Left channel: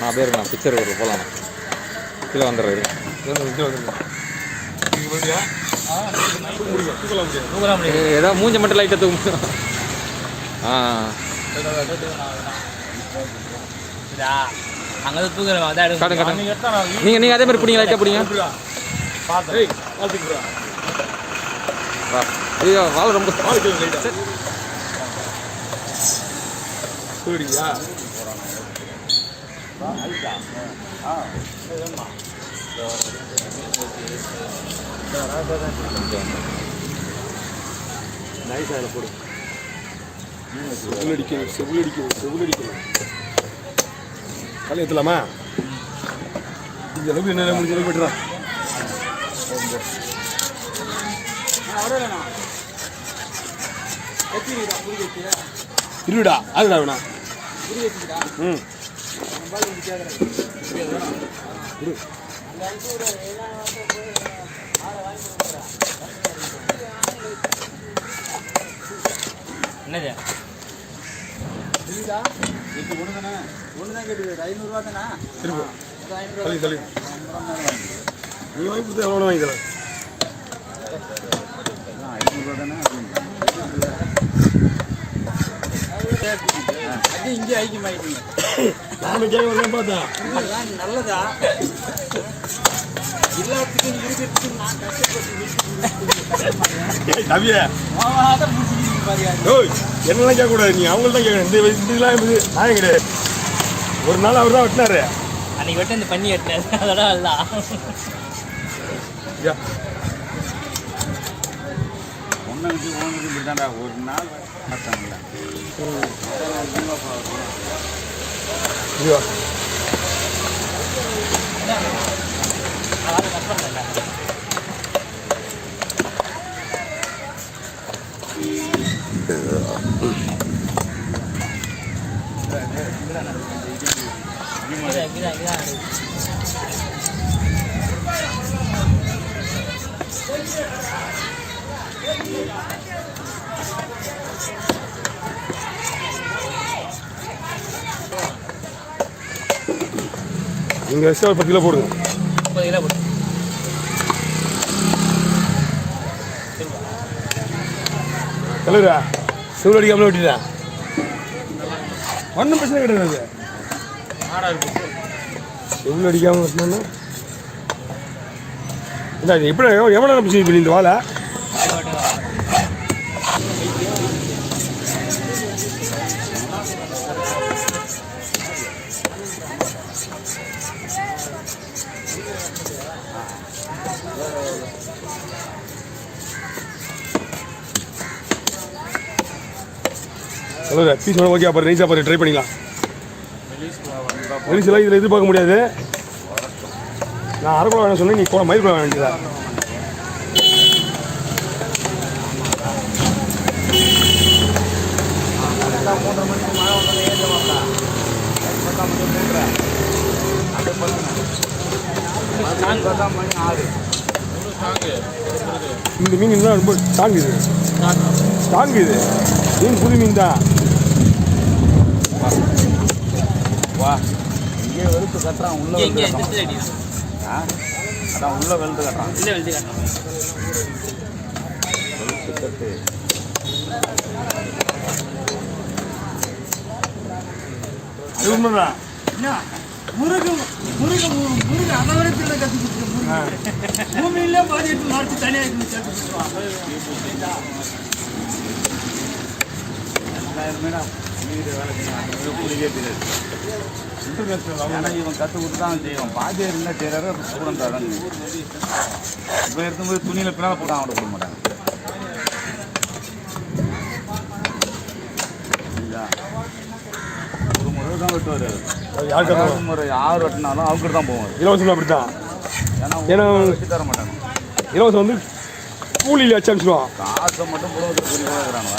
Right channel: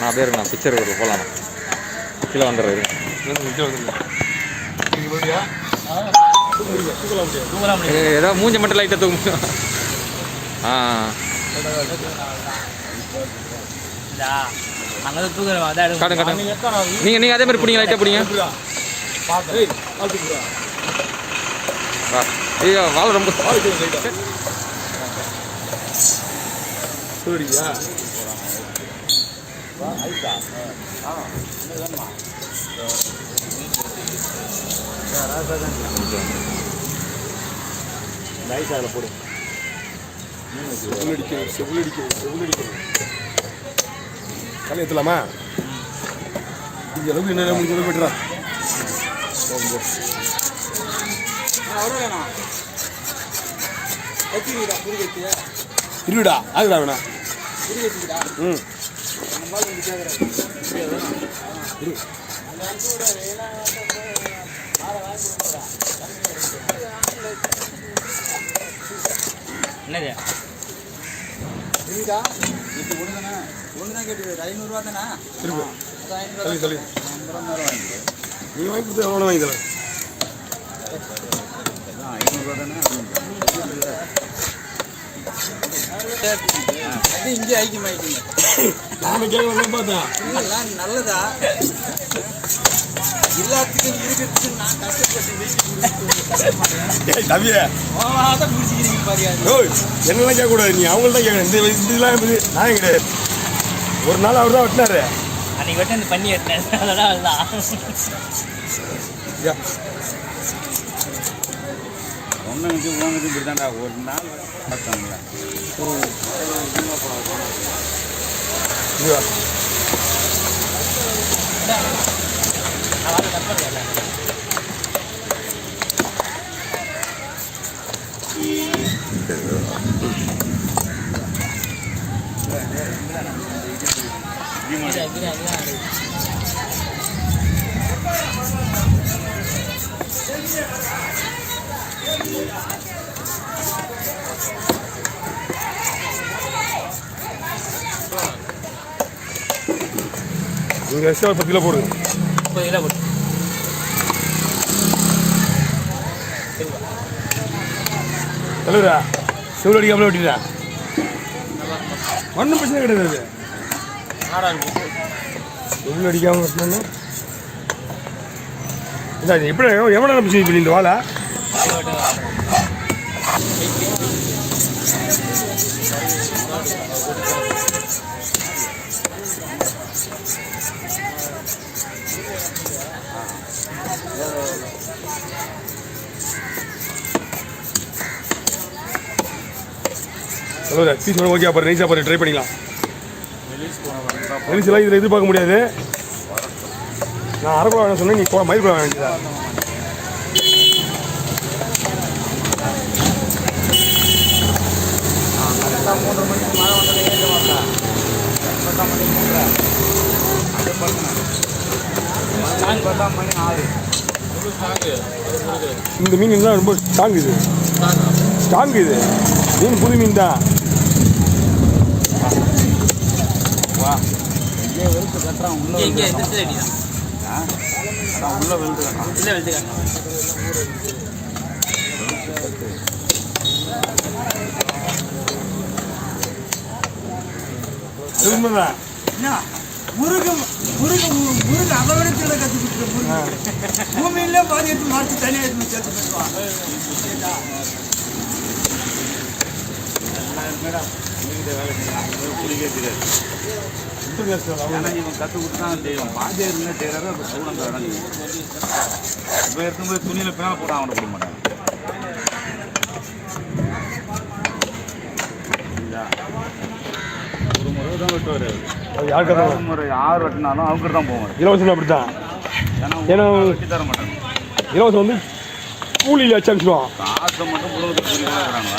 நான் பேர் நான் பிக்சர் ஒரு போகலாம் கீழே வந்துடுறாரு. ஏதோ மூஞ்ச மட்டும் லைட்டாக தூக்க. ஆ காட்டுங்க காட்டுங்க. நீங்கள் அதே மாதிரி பிடிங்க, லைட்டாக பிடிங்க. ஐயோ வாழை ரொம்ப போடு. களி ஏற்றலாமா? இந்த அளவுக்கு என்ன முடிஞ்ச அளவுக்கு போய்ட்டுறா. இருடா அதுடா வேணா. ம் என்னது தள்ளி தள்ளி நீ வாங்கி கொடுத்து எவ்வளோ வாங்கி தரேன். இங்கே ஐக்கியமாயிட்டீங்க. நானும் கேட்க வரலாம் பார்த்தா இதெல்லாம் நல்லதா எல்லாத்துக்கும் இருக்கிறதுக்கு நான் கஷ்டப்பட்டு என்னெல்லாம் கேட்கக்கூடாது. நீ அவங்கள்ட்ட தான் கேட்கணும். இந்த இதெல்லாம் நான் கிடையாது. ஒரு நாள் அவர் தான் வெட்டினாரு. அன்னைக்கு வெட்ட இந்த பண்ணி வெட்டினாரு. அதெல்லாம் அல்ல ஒன்று தான்டா ஒரு நாள் நீங்கள் எக்ஸ்ட்ரா 10 கிலோ போடுங்க. 10 கிலோ போடு. தலைவரா செவ்வளோ அடிக்காமலே வெட்டிடா. ஒன்றும் பிரச்சனை கிடையாது. செவ்வளோ அடிக்காமல் வெட்டணும்னா இல்லை இது எப்படி எவ்வளோ நேரம் செய்ய இந்த வாழை? Hello piece okay. அப்புறம் நைஸாக அப்புறம் ட்ரை பண்ணிக்கலாம். நைஸ்லாம் இதில் எதிர்பார்க்க முடியாது. நான் அரைக்குழா வேணும் சொன்னேன். நீ மயில் குழா வேணுங்களா? இந்த மீன் தான் ரொம்ப ஸ்ட்ராங். இது ஸ்ட்ராங். இது மீன் புது மீன் தான். அது உண்மைதான். முருகன் அபகரத்தில் கட்டி கொடுத்துருக்கோம். பூமியிலே பாதி எடுத்து மறைச்சு தனியாக சேர்த்து கற்று கொடுத்து தான் செய்வோம். பாதியாக இருந்தால் செய்யறாரு. அப்படி சொல்லுவாங்க. இப்போ எடுத்தும்போது துணியில் பின்னால் போட்டு அவனை கொடுக்க மாட்டாங்க. யார் வெட்டினாலும் அவருக்கு தான் போவாங்க. இலவசம் அப்படித்தான். ஏன்னா தர மாட்டாங்க. இலவசம் வந்து கூலியில் வச்சு அனுப்பிச்சுடுவான். காசை மட்டும் புலவத்துக்கு கூலி தான் வராங்க.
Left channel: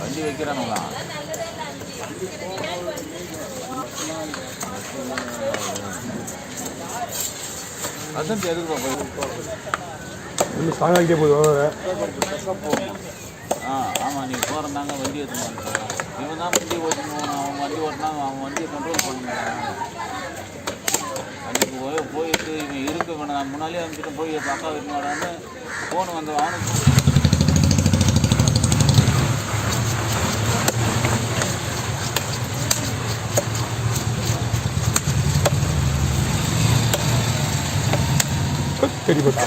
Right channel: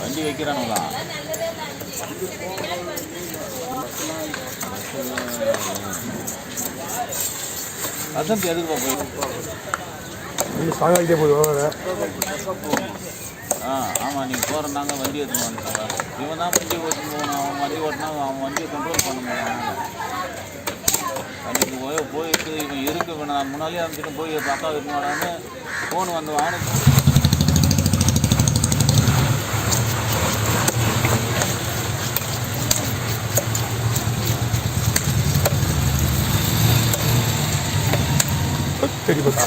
வண்டி வைக்கிறாங்களா? அதான் எதுக்கு போய் இன்னும் ஸ்ட்ராங் ஆகிட்டே போகுது. ஆமாம் நீங்கள் போகிறதாங்க வண்டி எடுத்துன்னு இவன் தான் வண்டி ஓட்டின்னு போகணும். அவன் வண்டி ஓட்டினாங்க, அவன் வண்டியை கண்ட்ரோல் பண்ண மாட்டாங்க. அன்றைக்கி போயிட்டு இவன் இருக்கு நான் முன்னாலே அனுப்பிட்டு போய் அக்கா வைக்க மாட்டான்னு ஃபோன் வந்து வாங்க. தெரியுமா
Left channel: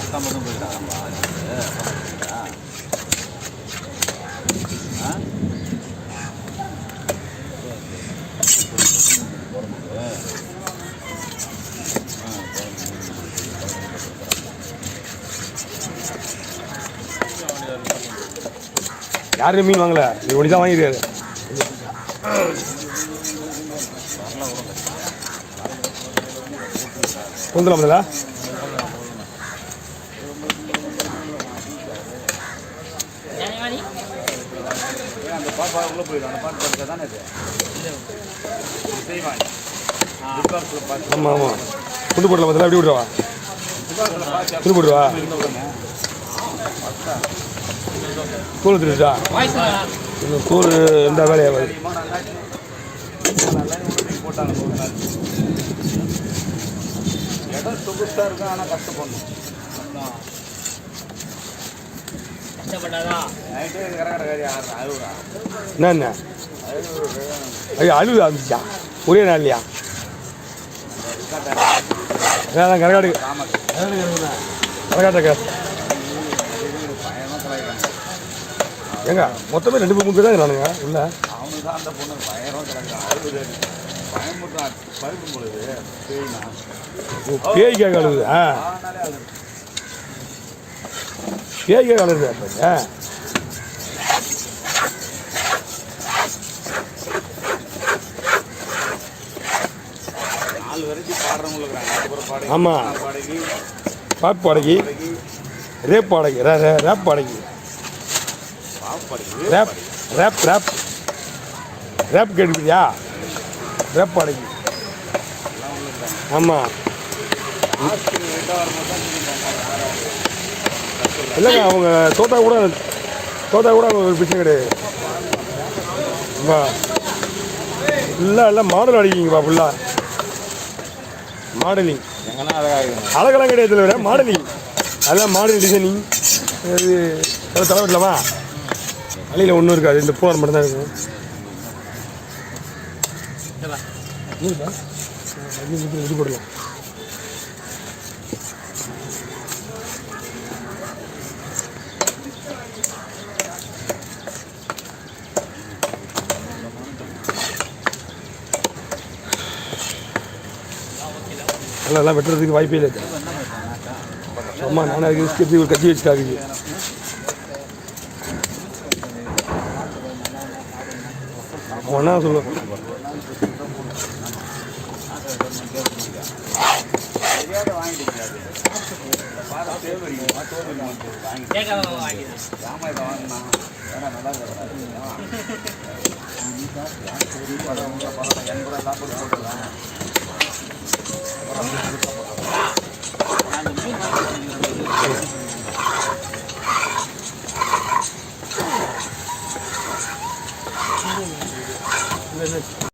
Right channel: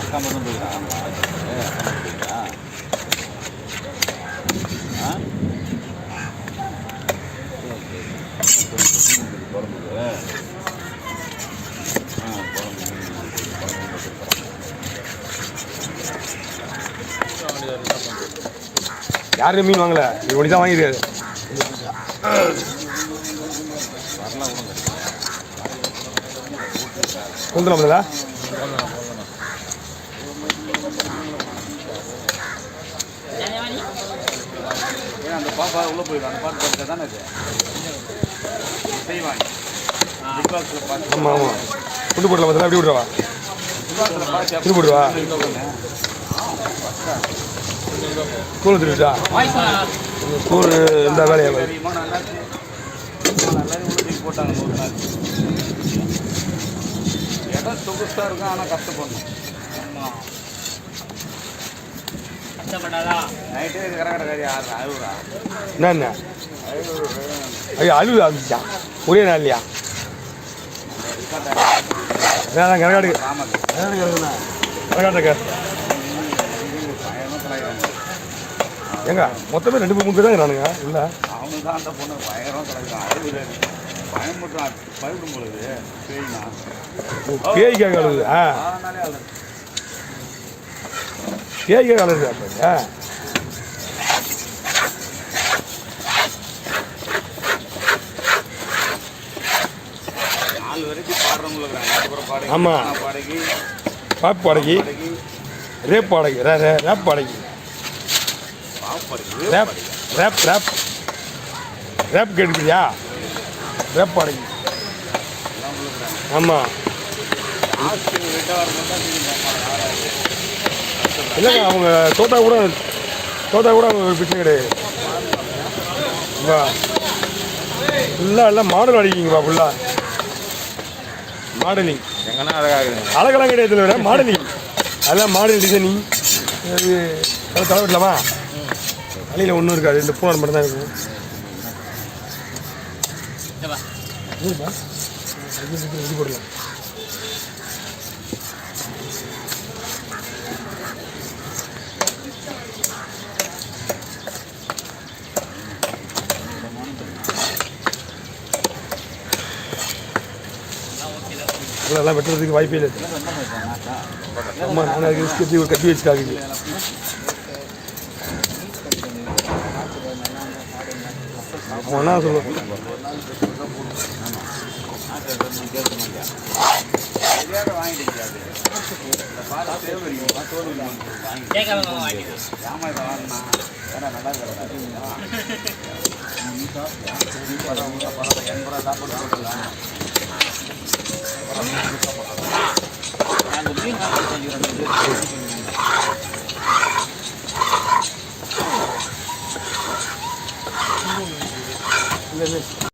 அக்கா மட்டும் போயிருக்காங்க. யாருமே மீன் வாங்கல, நீ ஒன்று தான் வாங்கிருக்காரு. கொண்டுலாம்ல அந்த பாப்பா உள்ளே போயிடும். அந்த பாட்டு பார்த்து தானே அது செய்வாங்க. ஆமாம் ஆமாம் துண்டு போடலாம் பார்த்தா அப்படி விட்றவா துண்டு போடுவா தூள் திருட்டா தூள் எந்த வேலையாக போட்டாங்க. இடம் சொகுசாக இருக்கும், ஆனால் கஷ்டப்படணும். நைட்டே கரகடக்காரி அழுகுறா. என்ன ஐயோ அழுவு ஆரம்பிச்சா ஒரே நாள் இல்லையா? அதான் கரகாடு கரகாட்டக்கா ஏங்க மொத்தமே 2-3 பேர் தான் நானுங்க. இல்லை அவனுக்கு தான் அந்த பொண்ணு பயங்கரம் கிடக்குறான். அழுகுது பயமுட்டான் பழுக்கும் பொழுது பேய்னா பேய்க்காக அழுகுது. அதனாலே அழுது பேய்க்காக அழுகுது. நாலு வரைக்கும் பாடுறவங்களுக்கு ஆமாம் பாடகி பாப் பாடகி ரேப் பாடகி ரேப் பாடகி ரேப் ரேப் ரேப் ரேப் கேட்டுக்கிறியா? ரேப் பாடகி ஆமாம். இல்லைங்க அவங்க தோட்டா கூட அவங்க ஒரு பிரச்சனை கிடையாது. எல்லாம் மாடல் அடிக்கிங்கப்பா ஃபுல்லாக மாடலிங் எங்கன்னா அழகாகுதுங்க. அழகெல்லாம் கிடையாது விட மாடலிங் அதெல்லாம் மாடல் டிசைனிங். அது தலைவட்டலாமா அலையில் ஒன்றும் இருக்காது. இந்த பூனார் மட்டும் தான் இருக்கும். இது போடலாம் அதெல்லாம் வெட்டுறதுக்கு வாய்ப்பே இல்லை. ஆமாம் நான் அதுக்கு ஒரு கட்டி வச்சுக்காகுது. ஒன்றா சொல்லுவேன்